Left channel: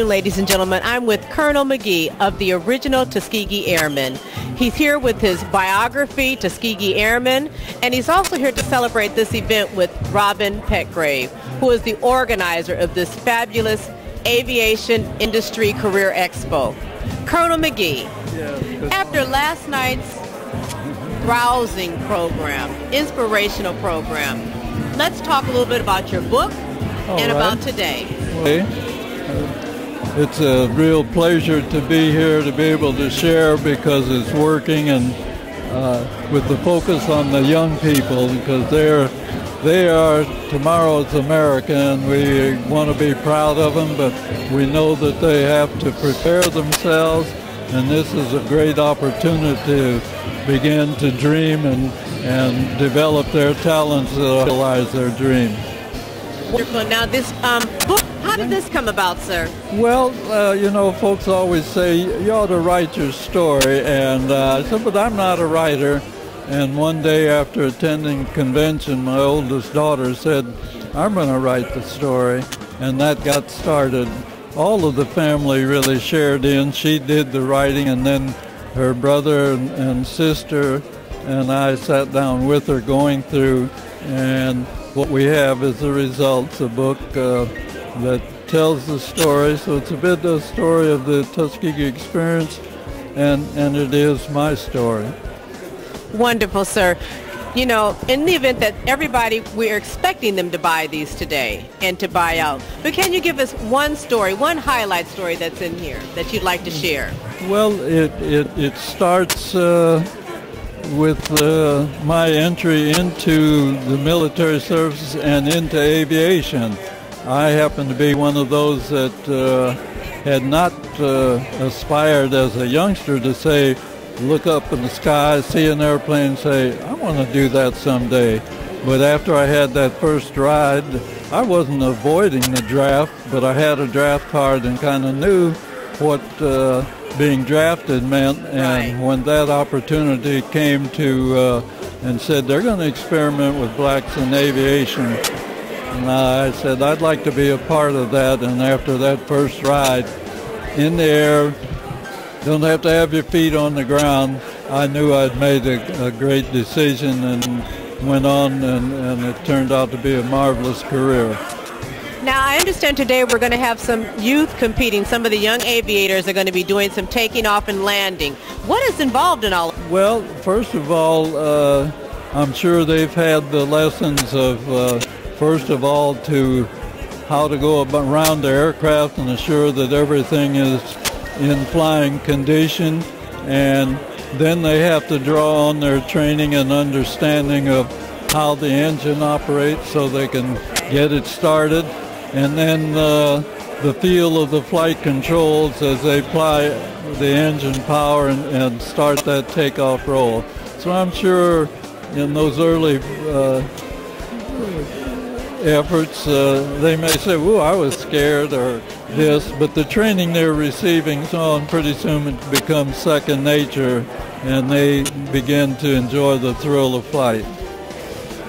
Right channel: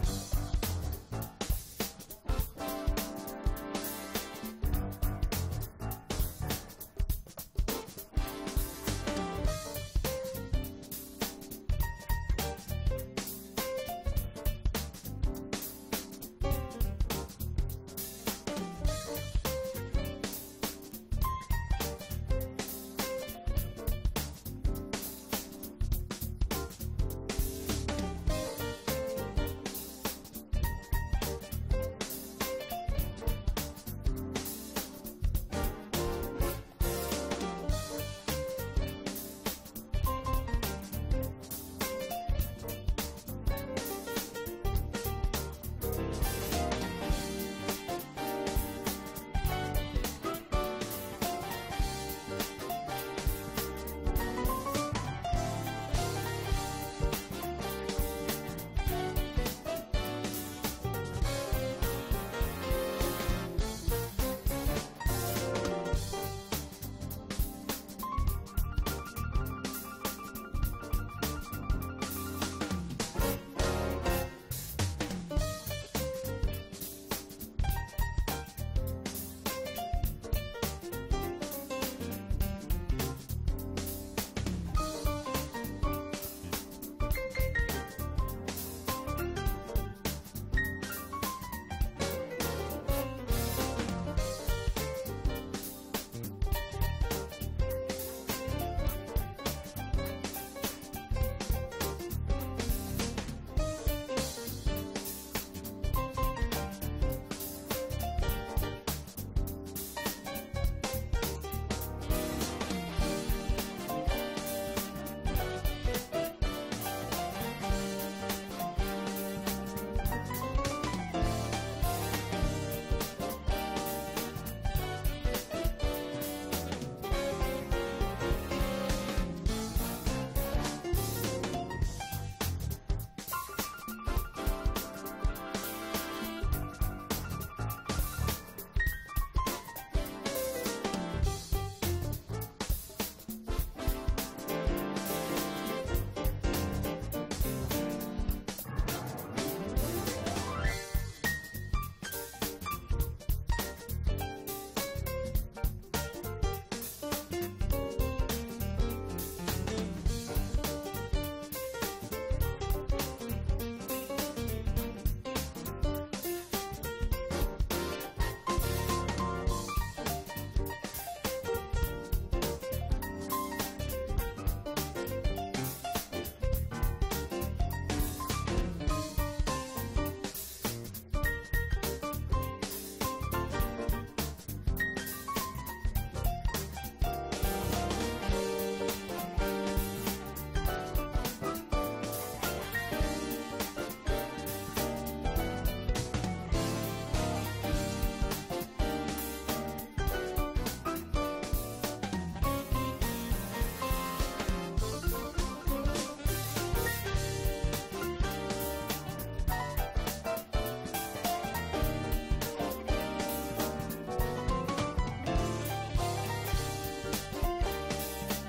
afternoon, ladies and gentlemen. I'm with Colonel McGee of the original Tuskegee Airmen. He's here with his biography, Tuskegee Airmen, and he's also here to celebrate this event with Robin Petgrave, who is the organizer of this fabulous aviation industry career expo. Colonel McGee, after last night's rousing program, inspirational program, let's talk a little bit about your book and about today. Okay. It's a real pleasure to be here, to be able to share, because it's working, and with the focus on the young people, because they are tomorrow's America, and we want to be proud of them, but we know that they have to prepare themselves, and this is a great opportunity to begin to dream and develop their talents to realize their dreams. Wonderful. Now this book, how did this come about, sir? Well, you know, folks always say, you ought to write your story, and I said, but I'm not a writer. And one day after attending convention, my oldest daughter said, I'm going to write the story, and that got started. All of the family really shared in. She did the writing, and then her brother and sister and I sat down with her going through, and what we have is the results, a book that tells the story. So it's a bit of the story of the Tuskegee experience, and it is my story. Wonderful, sir. You know, in the event that everybody, we're expecting them to buy these today and to buy out. But can you give us one story, one highlight story that's in here that you'd like to share? Well, it starts with my entry into the military service and into aviation. I happen to be one of those that had not aspired as a youngster to say, look up in the sky, see an airplane, say, I want to do that someday. But after I had that first ride, I wasn't avoiding the draft, but I had a draft card and kind of knew what being drafted meant. And when that opportunity came to and said they're going to experiment with blacks in aviation, and I said I'd like to be a part of that. And after that first ride in the air, don't have to have your feet on the ground, I knew I'd made a great decision, and went on, and it turned out to be a marvelous career. Now, I understand today we're going to have some youth competing. Some of the young aviators are going to be doing some taking off and landing. What is involved in all? Well, first of all, I'm sure they've had the lessons of, first of all, to how to go around the aircraft and assure that everything is in flying condition, and then they have to draw on their training and understanding of how the engine operates so they can get it started, and then the feel of the flight controls as they apply the engine power and start that takeoff roll. So I'm sure in those early efforts they may say, "Ooh, I was scared," or this, but the training they're receiving on pretty soon it becomes second nature, and they begin to enjoy the thrill of flight.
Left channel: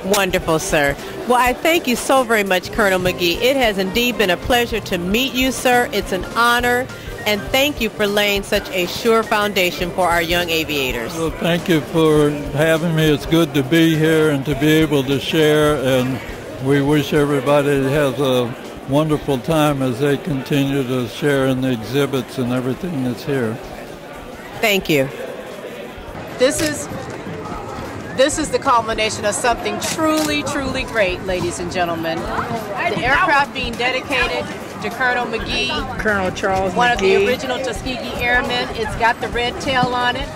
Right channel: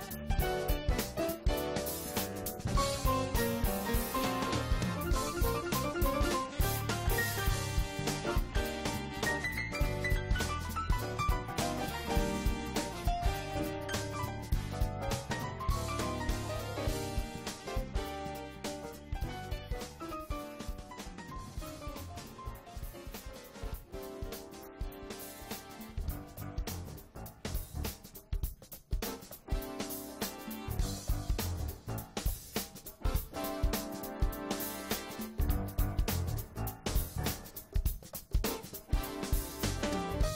Wonderful, sir. Well, I thank you so very much, Colonel McGee. It has indeed been a pleasure to meet you, sir. It's an honor, and thank you for laying such a sure foundation for our young aviators. Well, thank you for having me. It's good to be here and to be able to share, and we wish everybody has a wonderful time as they continue to share in the exhibits and everything that's here. Thank you. This is the culmination of something truly, truly great, ladies and gentlemen. The aircraft being dedicated to Colonel McGee, Colonel Charles one McGee. of the original Tuskegee Airmen. It's got the red tail on it.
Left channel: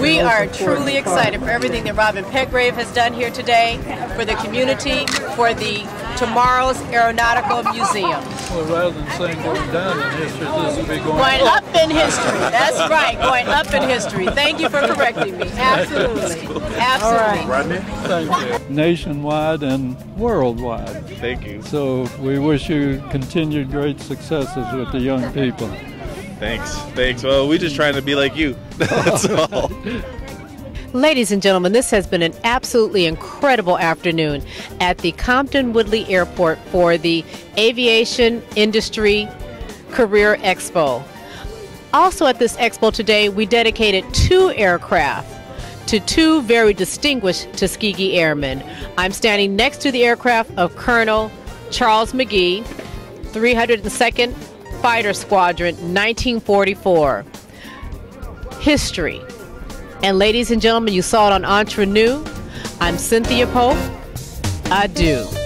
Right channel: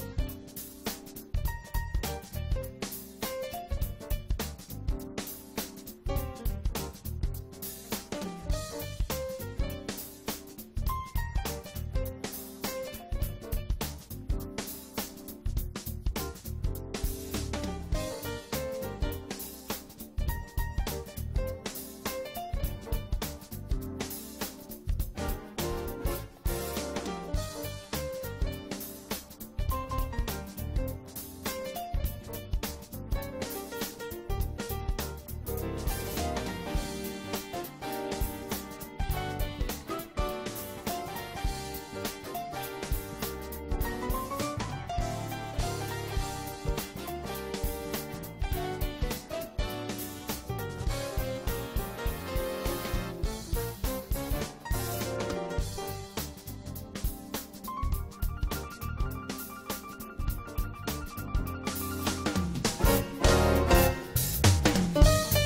We are truly excited for everything that Robin Petgrave has done here today, for the community, for the tomorrow's Aeronautical Museum. Well, rather than saying going down in history, this will be going up in history. That's right, going up in history. Thank you for correcting me. Absolutely. Absolutely. Rodney? Thank you. Nationwide and worldwide. Thank you. So we wish you continued great successes with the young people. Thanks. Well, we're just trying to be like you. That's all. Ladies and gentlemen, this has been an absolutely incredible afternoon at the Compton Woodley Airport for the Aviation Industry Career Expo. Also at this expo today, we dedicated 2 aircraft to 2 very distinguished Tuskegee Airmen. I'm standing next to the aircraft of Colonel Charles McGee, 302nd Fighter Squadron, 1944. History. And ladies and gentlemen, you saw it on Entre Nous. I'm Cynthia Pope. Adieu.